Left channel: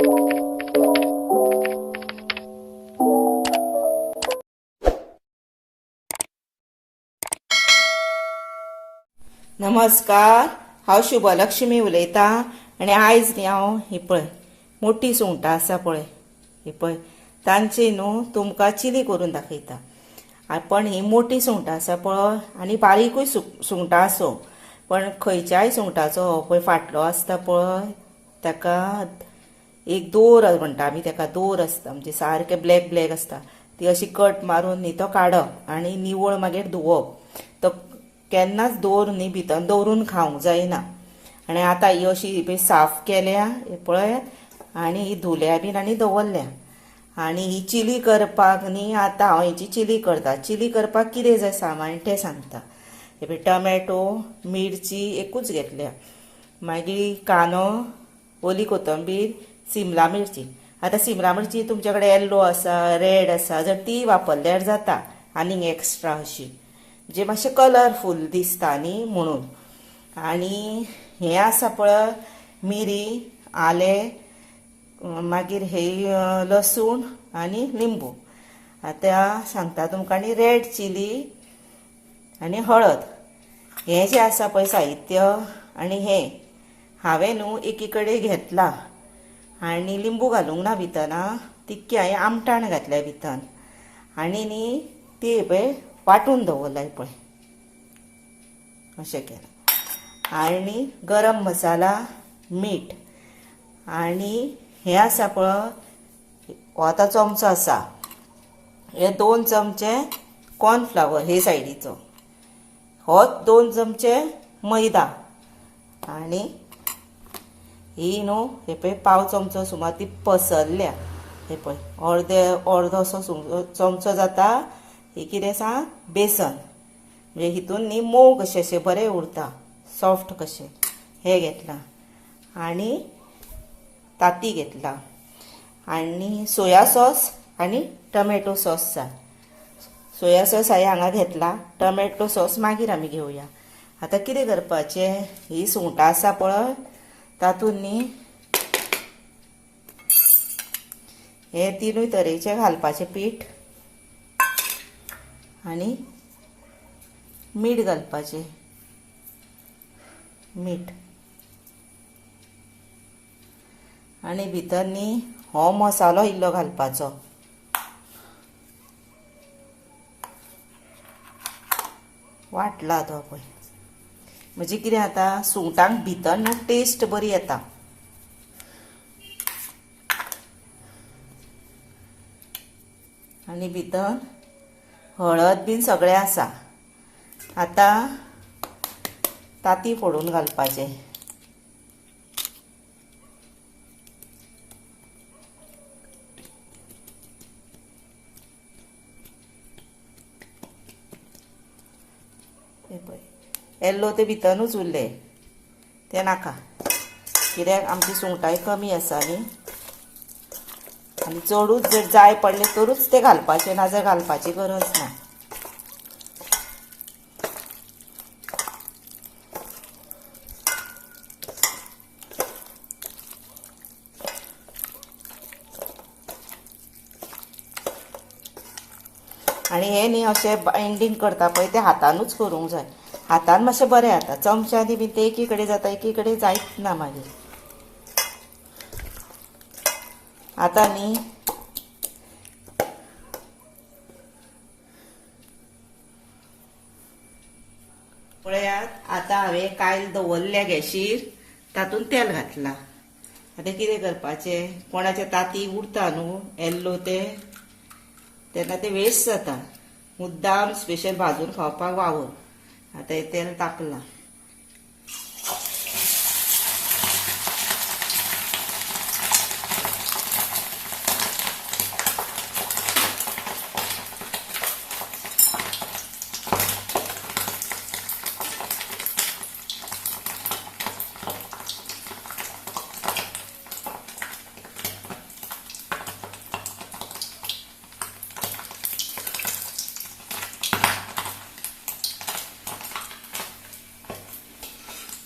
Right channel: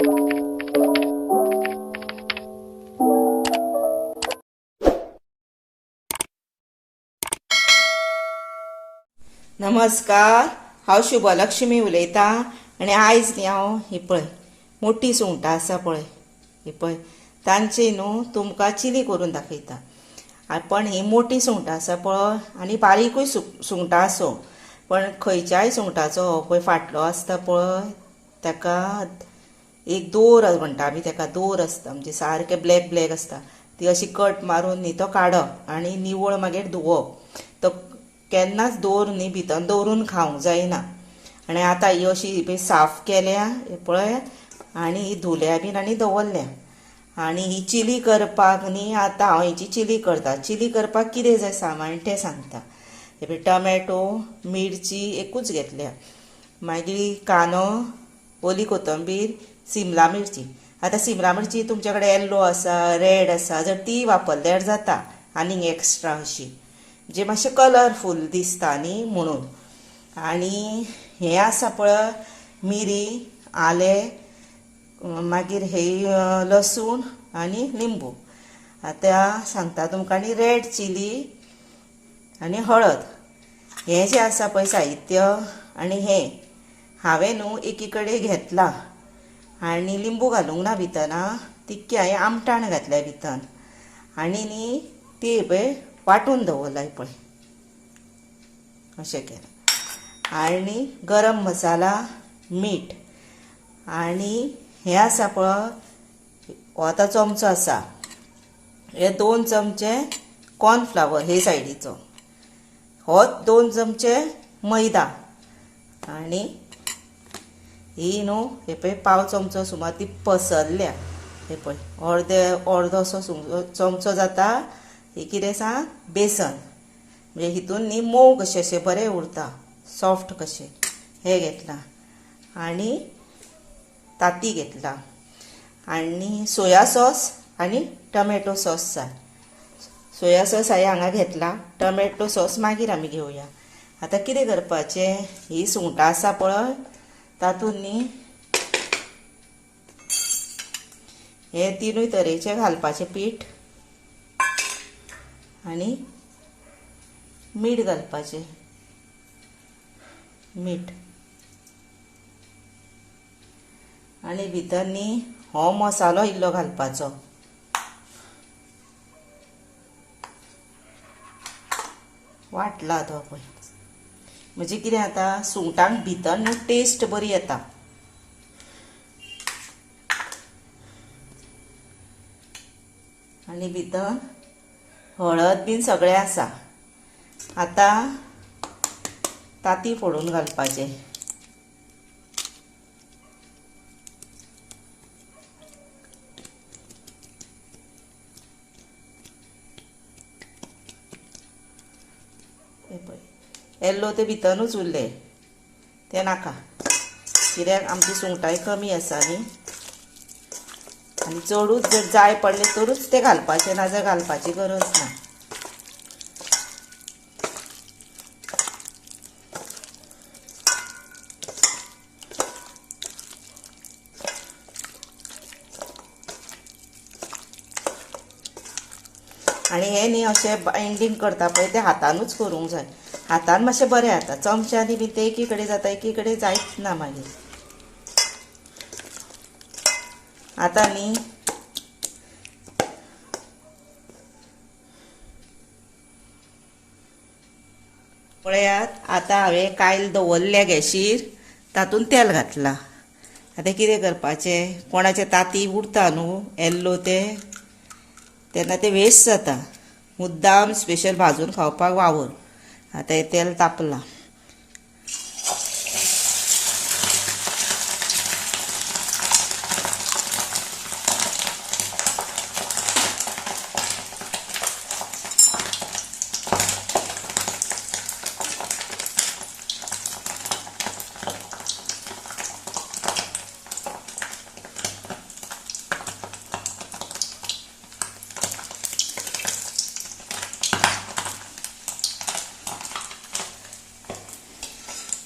नमस्कार, हांव शुभलक्ष्मी उलयतां आनी आयज न्ही हांव ही पळय मोठी सुंगटां आसा पळय ही पळय तांची न्हू तुमकां चिली करून दाखयता। पण ही मोठी सुंगटां आसा पळय आनी बारीकूय सुंगटां आसूं, पण खंयच्याय सुंगटाचो हो पळय फाटलो आसता पळय ताका एक दोर म्हणटा आमी ताका, दोर आसता म्हणजे सारके ब्लॅक ब्लॅक आसता, ती अशी कट मारून न्ही तो काडप आनी निवळ मागीर धुवप। तो केन्नाच दोर न्ही भितर दवरून खावंक जायना। आनी आतां ही अशी साफ केल्या पळयात आनी ही धुल्या बीन आनी दवरल्या। आनी ही चिली करपाक न्ही आतां हांव हेची चिली करता। चिली करपाक कितें जाय सामान तें सांगता। हे पळय टमॅटो, मिरची एकूच घेतल्या, मागीर कांदो, ओली कोथंबीर, सिमला मिरची। आतां सिमला मिरची तुमचे कडेन येल्लो आसा, रेड आसा, जर ती वापरल्यार जाता आनीक एक्स्ट्रा अशी जे मातशें कलरफूल दिसता न्ही म्हणून। आनी हें आसा पळय मिरी, आलें, मागीर हे लसूण आनी लिंबू। आतां सांगता तुमकां आनी रेड चिली आनी हळद हें जें आसा पळय साहित्य आनी हें हांवें न्हू एकी कडेन घेतलां आनी लिंबू घालूंक ना भितर, तितकें हांवें आमटाण घातल्या भितर आनी न्ही ती पळय वांटून दवरला पळय अशें केलां। आनी गरम मसाला, मीठ आनी हें आसा पळय हो आतां चमचो आसा, हे 2 चमचे कॉर्नफ्लावर हे सायडीचो, हो 2 चमचे मैदा आनी ही न्हू हे पळय पाव चमचो सुमार ती पसरल्या, हे पळय अर्दोसो चमचो जाता ही कितें सांग बेसन, म्हणजे हितून न्ही मोव कशें अशें बरें उरता, सॉफ्ट कशें हें घेतलां। आनी ताती घेतला आनी सोया सॉस आनी टमॅटो सॉस जाय। सोया सॉस हांवें हांगा घेतला, टमॅटो सॉस मागीर आमी घेवया। आतां कितें करपाचें, ही सुंगटां आसा पळय तातूंत न्ही हे 3 तरेचे घालपाचें पीठ आनी मीठ घालपाचें, मीठ आनी भितर न्ही हो मसालो इल्लो घालपाचो। वाटला तो पळय, म्हणजे कितें जाता सुंगटांक भितर न्हू टेस्ट बरी येता। आनी भितर हळद बीन सगळें आसा। आतां ताती फोडून घालपाचें, येल्लो ते भितरूच उरले ते नाका, कित्याक आमची सुंगटांय कमी आसा न्ही आनी चडूच जर जाय पडले तरूच ते घालपाचे, नाजाल्यार घालपाची गरज ना। आनी हे न्ही अशें बायंडींग करता पळय ते हातानूच करूंक जाय, हातान मातशें बरें जाता, चमच्यांनी बी ते एकी कडेन जाता एकी कडेन जायत ना मागीर। आतां न्ही पळयात, आतां हांवें कायल दवरल्या गॅशीर, तातूंत तेल घातलां। आतां कितें करपाचें, कोणाचे ताती उरता न्हू येल्लो तेन्ना ते वेस्ट जाता, मुद्दाम स्पेशल भाजून खावपाक वावर। आतां हें तेल तापलां,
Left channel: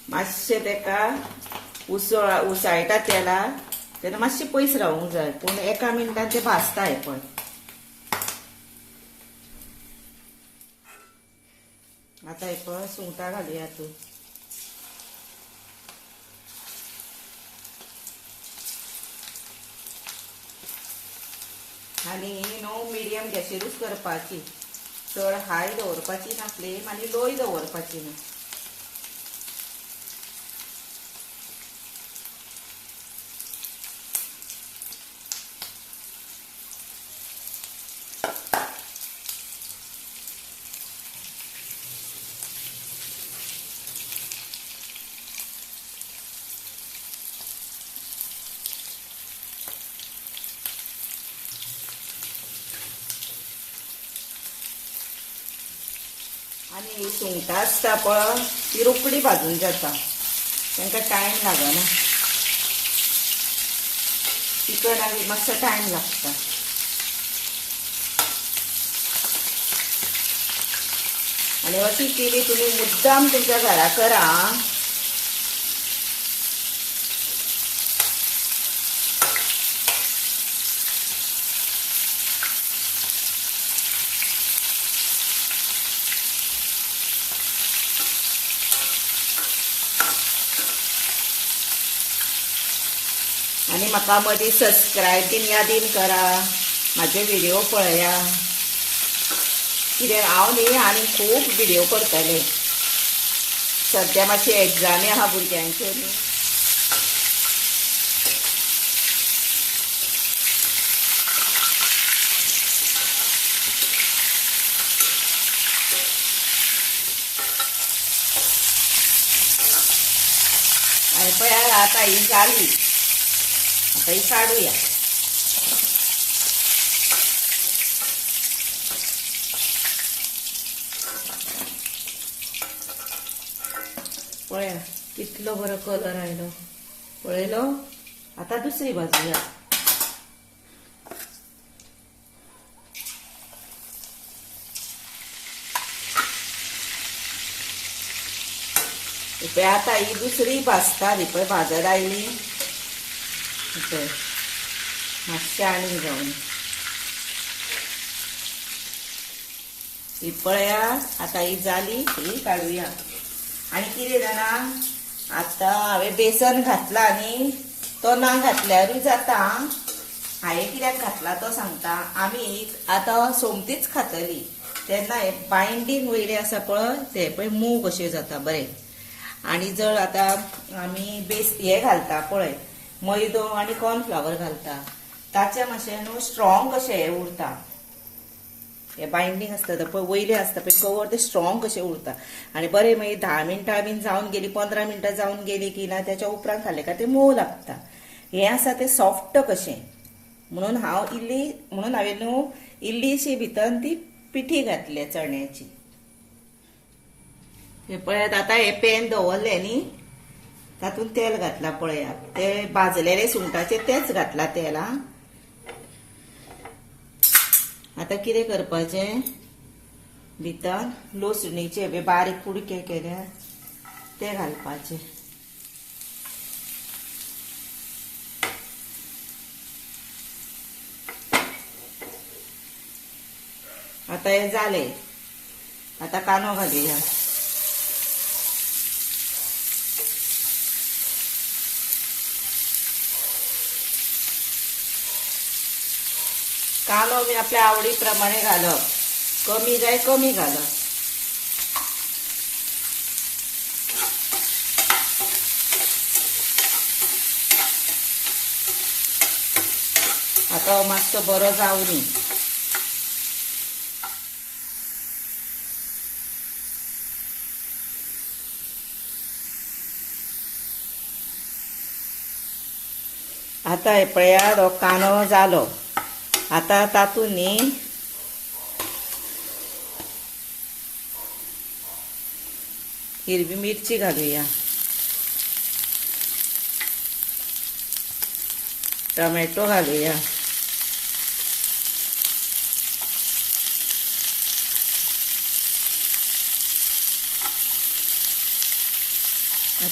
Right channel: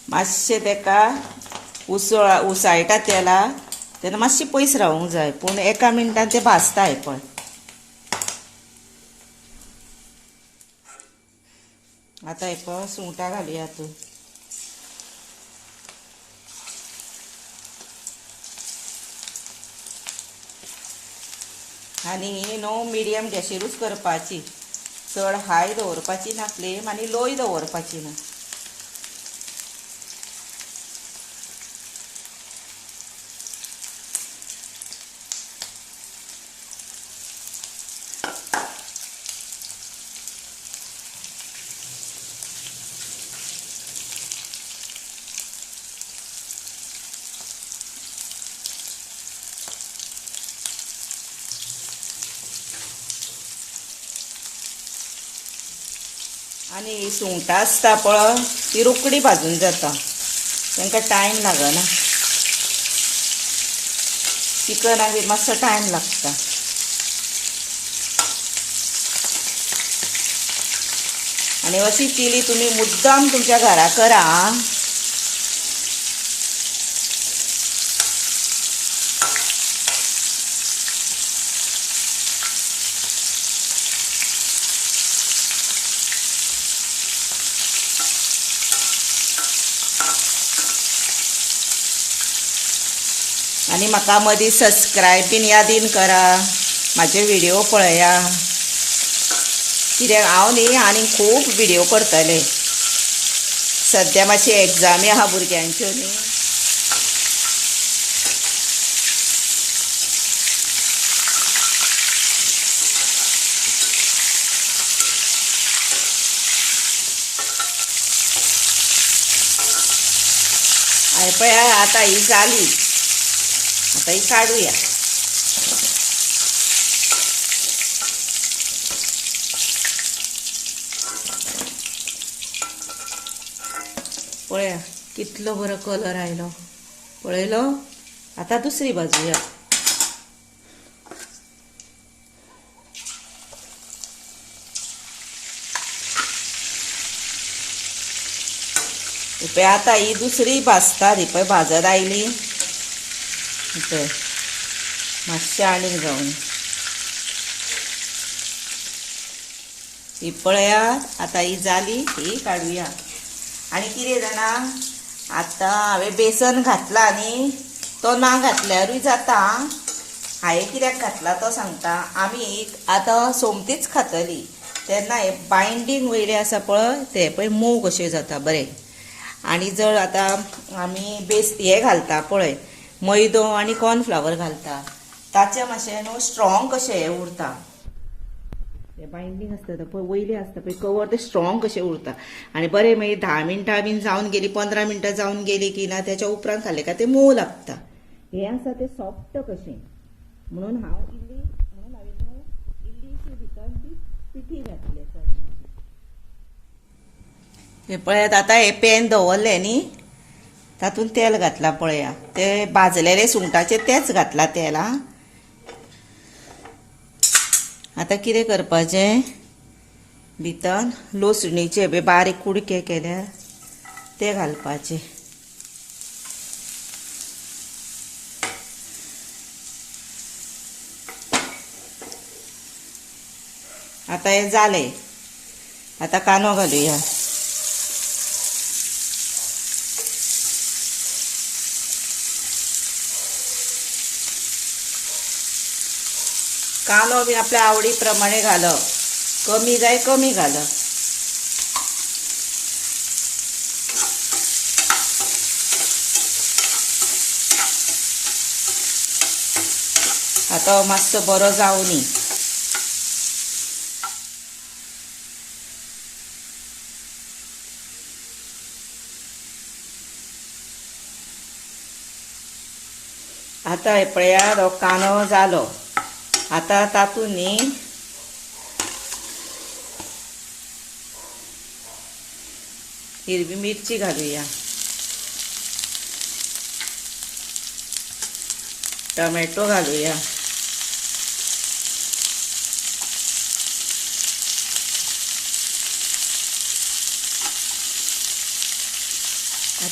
मातशें तेका उसळटा तेलाक तेन्ना मातशी पयस रावूंक जाय पूण एका मिनटान ते भाजता हे पळय. आतां हे पळय सुंगटां घालुया तूं. आनी ही न्हू मिडियम गॅसीरूच करपाची, चड हाय दवरपाची ना फ्लेम आनी लोय दवरपाची ना. आनी ही सुंगटां आसता पळय ती रोखडी भाजून जाता, तांकां टायम लागना. चिकनाक बी मातसो टायम लागता. आनी अशी चिली तुमी मुद्दाम तुमच्या घरा करा. आनी म्हाका मदीं सबस्क्रायब बीन यादीन करा, म्हाजे व्हिडिओ पळया, कित्याक हांव न्ही आनी खूब व्हिडिओ करतलें. सद्या मातशी एग्जामी आहा भुरग्यांच्यो न्ही. पळय आतां ही जाली, आतां ही काडुया. पळया कितलो बरो कलर आयलो, पळयलो. आतां दुसरी भाजूया. पळय आतां ही दुसरी भाजता ती पळय भाजत आयली पळय, मातशें आनीक जावन ही पळया. आतां ही जाली, ही काडुया. आनी कितें जाणा, आतां हांवें बेसन घातला न्ही, तो ना घातल्यारूय जाता. हांवें कित्याक घातला तो सांगता. आमी आतां सोमतीच खातली तेन्ना हे बायंडींग वयले आसा पळय ते पळय मोव कशें जाता बरें. आनी जर आतां आमी हे घालता पळय मैदो आनी कॉर्नफ्लावर घालता, ताचें मातशें न्हू स्ट्रॉंग कशें हें उरता. हे बायंडींग आसता पळय वयले आसता पळय कवर, ते स्ट्रॉंग कशें उरता. आनी बरें मागीर 10 मिनटां बीन जावन गेली, 15 मिनटां जावन गेली की ना त्याच्या उपरांत खाल्लें काय ते मोव लागता. हें आसा तें सॉफ्ट कशें. म्हणून हांवें न्हू इल्लीशी भितर ती पिठी घातली चण्याची. हे पळयात आतां हे पॅन दवरलें न्ही, तातूंत तेल घातला पळया. ते भाजलेले सुंगटाचे तेच घातला तेल. आं आतां कितें करपाचें, भितर लसणीचे बारीक कुडके केल्या ते घालपाचे. आतां हें जालें. आतां कांदो घालुया. कांदो बी आपल्या आवडी प्रमाणे घालप, कमी जाय कमी घालप. आतां मातसो बरो जावनी. आतां हे पळयात हो कांदो जालो. आतां तातूंत न्ही हिरवी मिरची घालुया, टोमॅटो घालुया,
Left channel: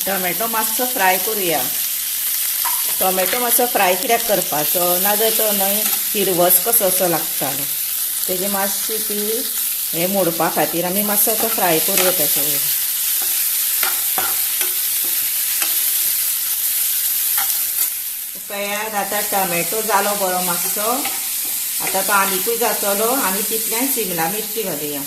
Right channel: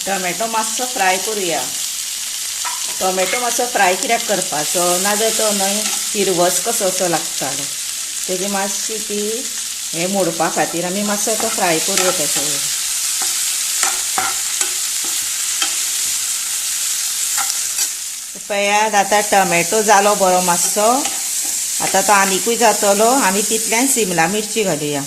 टोमॅटो मातसो फ्राय करुया. टोमॅटो मातसो फ्राय कित्याक करपाचो नाजाल्यार तो न्हय हिरवस कसो असो लागतालो तेजी मातशी ती हे मोडपा खातीर आमी मातसो तो फ्राय करूं तेचो पळयात आतां टोमॅटो जालो बरो मातसो आतां तो आनीकूय जातलो आमी तितल्यान शिमला मिरची घालुया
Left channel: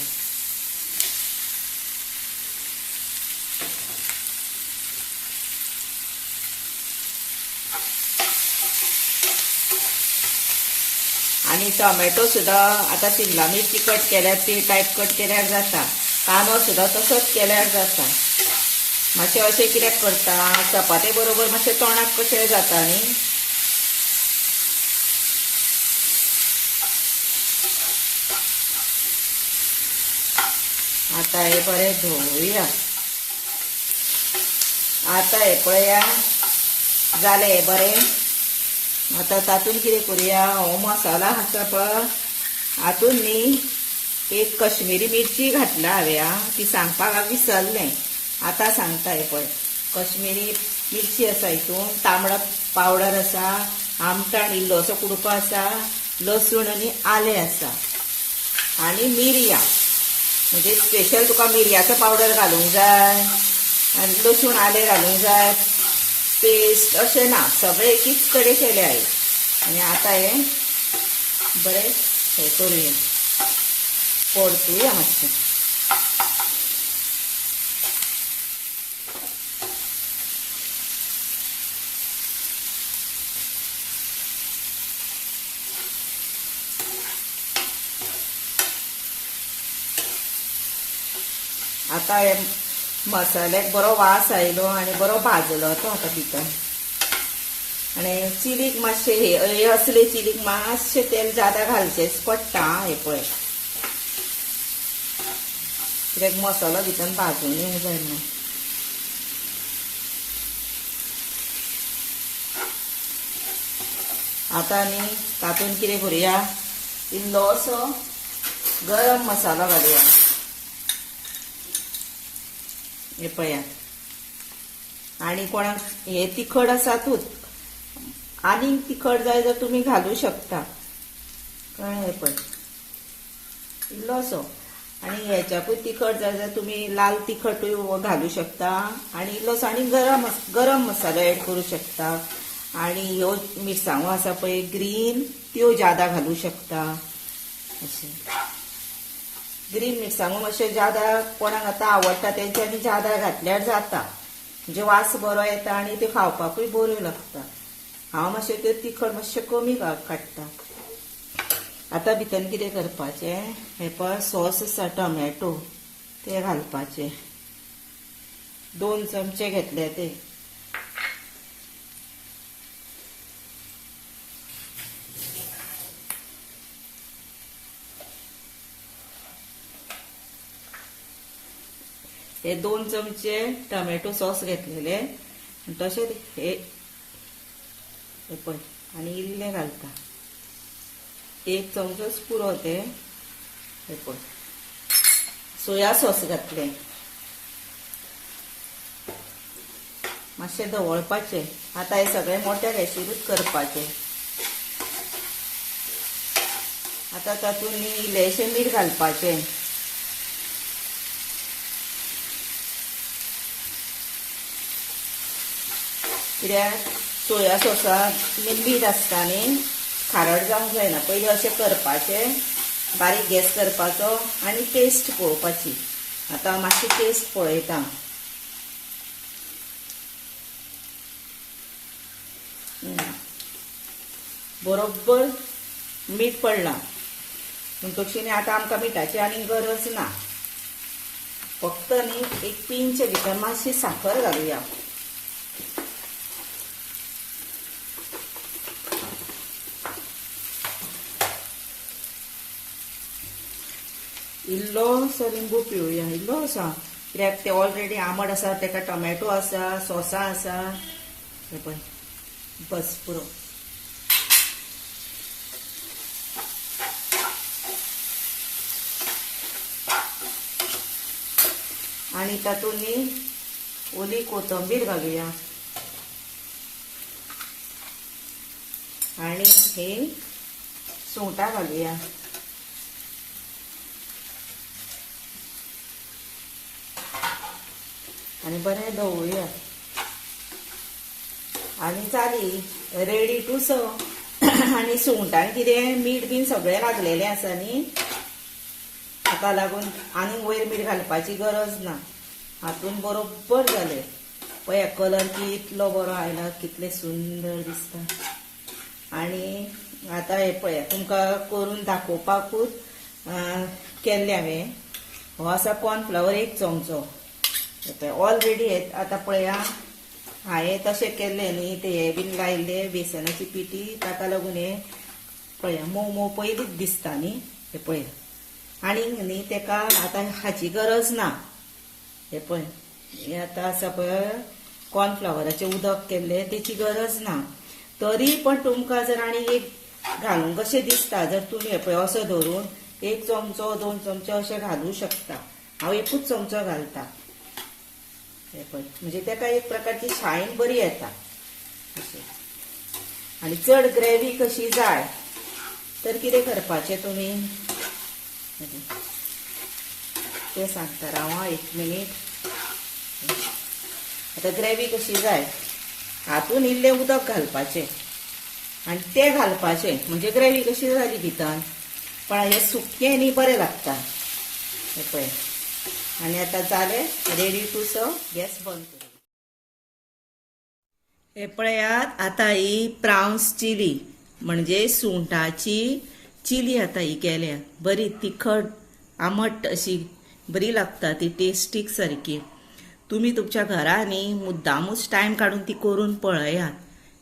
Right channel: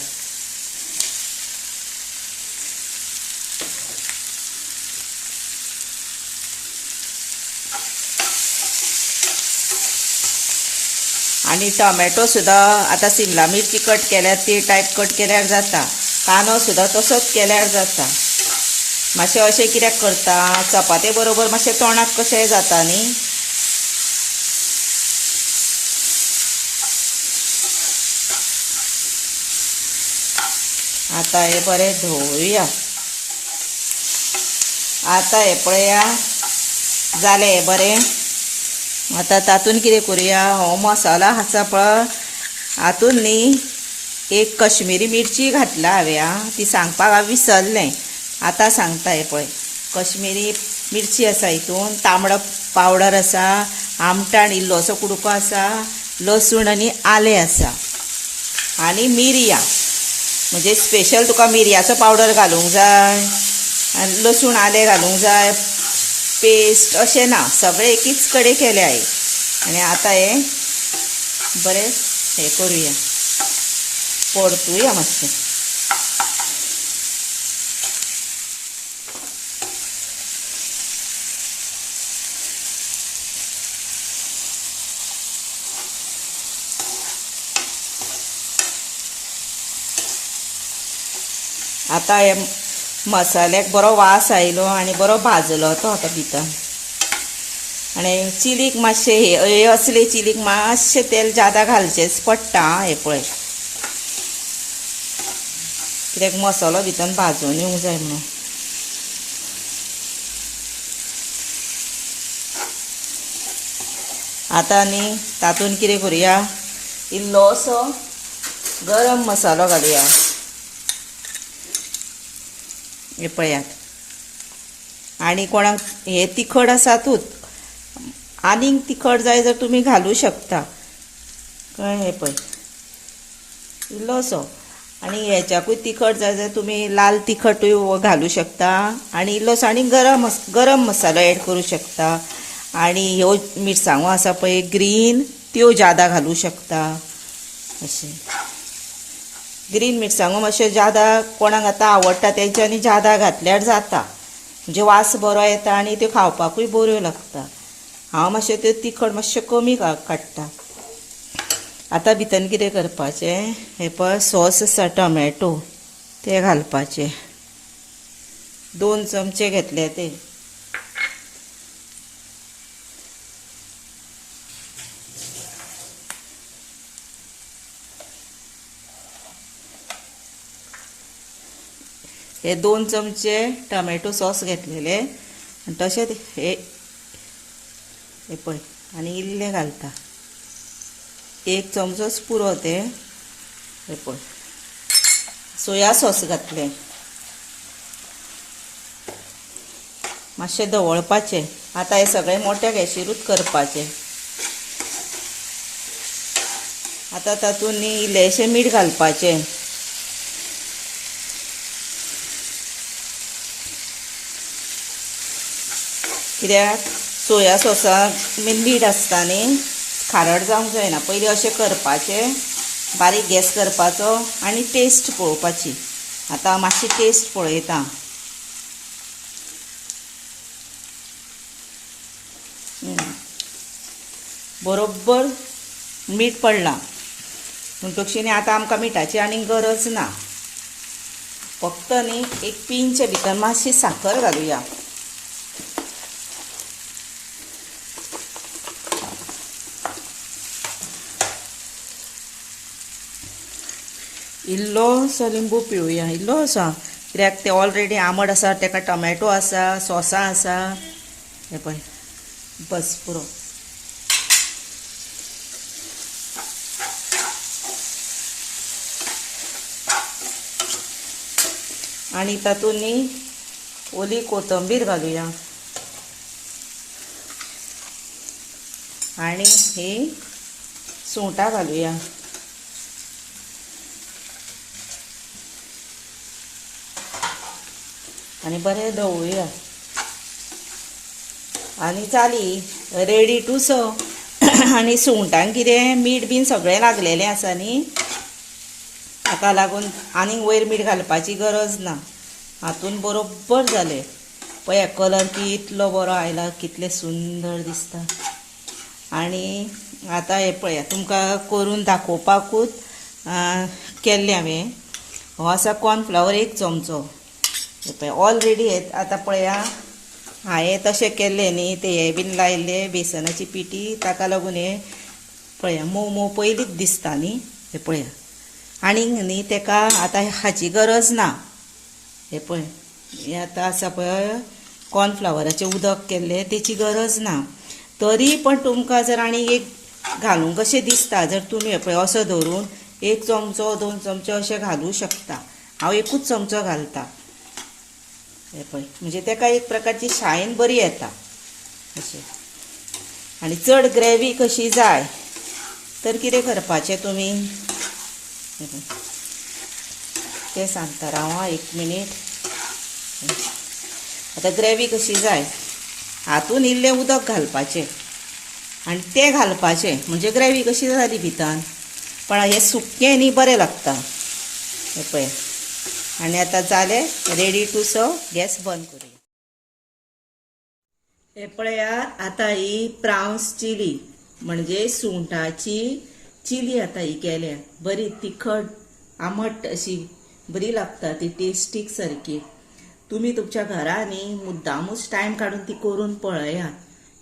आणि टोमॅटो सुद्धा आता शिमला मिरची कट केल्यार ती टायप कट केल्यार जाता कांदो सुद्धा तसोच केल्यार जाता मातशें अशें कित्याक करता चपाते बरोबर मातशें तोंडाक कशें जाता न्ही आता हे बरें धुवुया आता हे पळया जालें हे बरें आता तातून कितें करूया हो मसाला आसा पळय हातून न्ही एक कश्मीरी मिरची घातला हांवें ती सांगपाक हांव विसरलें आतां सांगता हे पळय कश्मीरी मिरची आसा हितून तांबडो पावडर आसा आमटाण इल्लोसो कुडको आसा लसूण आनी आलें आसा आनी मिरयां म्हणजे स्पेशल तुका मिरयाचो पावडर घालूंक जाय आनी लसूण आलें घालूंक जाय पेस्ट अशें ना सगळें एकीच कडेन केलें हांवें आनी आतां हे बरें हे करुया परतुया मातशें आता हे मसाल्याक बरो वास आयलो आनी बरो भाजलो तो आतां भितर आनी चिलीक मातशें हे असले चिलीक मातशें तेल ज्यादा घालचेंच पडटा हे पळय कित्याक मसालो भितर भाजून येवंक जाय न्हू आतां न्ही तातूंत कितें करुया इल्लोसो गरम मसालो घालुया हे पळयात आनी कोणाक हे तिखट आसातूच आनीक तिखट जाय जर तुमी घालूं शकता कळ्ळें हे पळय इल्लोसो आनी हेच्याकूय तिखट जाय जाल्यार तुमी लाल तिखटूय घालूं शकता आनी इल्लोसो आनी गरम मसालो एड करूं शकता आनी ह्यो मिरसांगो आसा पळय ग्रीन त्यो ज्यादा घालूं शकता अशें ग्रीन मिरसांगो मातशें ज्यादा कोणाक आतां आवडटा तेंच्यांनी ज्यादा घातल्यार जाता म्हणजे वास बरो येता आनी त्यो खावपाकूय बऱ्यो लागता हांव मातशें त्यो तिखट मातशें कमी काडटा आतां भितर कितें करपाचें हे पळय सॉस आसा टोमॅटो ते घालपाचे 2 चमचे घेतले ते हे 2 चमचे टोमॅटो सॉस घेतलेले आनी तशेंच हे पळय आनी इल्लें घालता 1 चमचोच पुरो ते हे पळय सोया सॉस घातले मातशें दवळपाचें आतां हे सगळें मोठ्या गॅसीरूच करपाचें आतां तातूंत न्ही इल्लेशें मीठ घालपाचें कित्याक सोया सॉसाक मीठ आसता न्ही खारट जावंक जायना पयलीं अशें करपाचें बारीक गॅस करपाचो आनी टेस्ट पळोवपाची आतां मातशी टेस्ट पळयता बरोबर मीठ पडलां म्हणटकच न्ही आतां आमकां मिठाची आनी गरज ना फक्त न्ही एक पिंच भितर मातशी साखर घालुया इल्लोसो लिंबू पिळुया इल्लोसो कित्याक ते ऑलरेडी आंबट आसा ताका टोमॅटो आसा सॉसा आसा हे पळय बस पुरो आनी तातूंत न्ही ओली कोथंबीर घालुया आणि ही सुंगटां घालूया. आणि बरें ढवळुया. आणि जाली रेडी टू सर्व. आणि सुंगटांक कितें मीठ बीन सगळें लागलेलें आसा न्ही, ताका लागून आनीक वयर मीठ घालपाची गरज ना. हातून बरोबर जालें. पळया कलर कितलो बरो आयला, कितले सुंदर दिसता. आणि आतां हे पळया तुमकां करून दाखोवपाकूच केल्लें हांवें. हो आसा कॉर्नफ्लावर 1 चमचो. हे पळय ऑलरेडी हे आतां पळया हांवें तशें केल्लें न्ही, ते हे बीन लायल्ले बेसनाची पिठी, ताका लागून हे पळया मोव मोव पयलींच दिसता न्ही. हे पळया आनीक न्ही तेका आतां हाची गरज ना. हे पळय हे आतां आसा पळय कॉर्नफ्लावराचें उदक केल्लें, तेची गरज ना. तरी पण तुमकां जर आनी एक घालूंक कशें दिसता, जर तुमी हे पळय असो धरून 1 चमचो 2 चमचे अशें घालूं शकता. हांव 1च चमचो घालता. हे पळय म्हणजे तेका एक प्रकारची शायन बरी येता अशें. आनी चड ग्रेवी कशी जाय तर कितें करपाचें तुमी तें सांगता राव 1 मिनीट. आतां ग्रेवी कशी जाय, हातून इल्लें उदक घालपाचें आनी तें घालपाचें म्हणजे ग्रेवी कशी जाली भितर. पण हें सुक्कें न्ही बरें लागता. हे पळय आनी आतां जालें रेडी टू सर्व. गॅस बंद करूया. हे पळयात आतां ही प्रावन्स चिली म्हणजे सुंगटाची चिली आतां ही केल्या. बरी तिखट आमट अशी बरी लागता ती, टेस्टीक सारकी. तुम्ही तुमच्या घरांनी मुद्दामूच टायम काढून ती करून पळयात,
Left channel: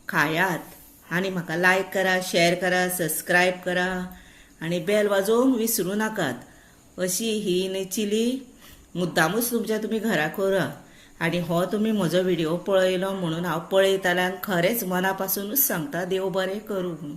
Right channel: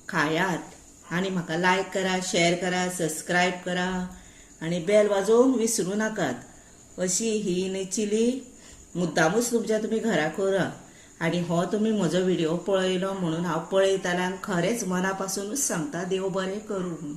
खायात. आणि म्हाका लायक करा, शेअर करा, सबस्क्रायब करा आणि बेल वाजोवंक विसरू नाकात. अशी ही चिली मुद्दामूच तुमच्या तुम्ही घरा करा. आणि हो तुम्ही म्हजो व्हिडिओ पळयलो म्हणून हांव पळयतालें आनी खरेंच मना पासूनच सांगता, देव बरें करूं.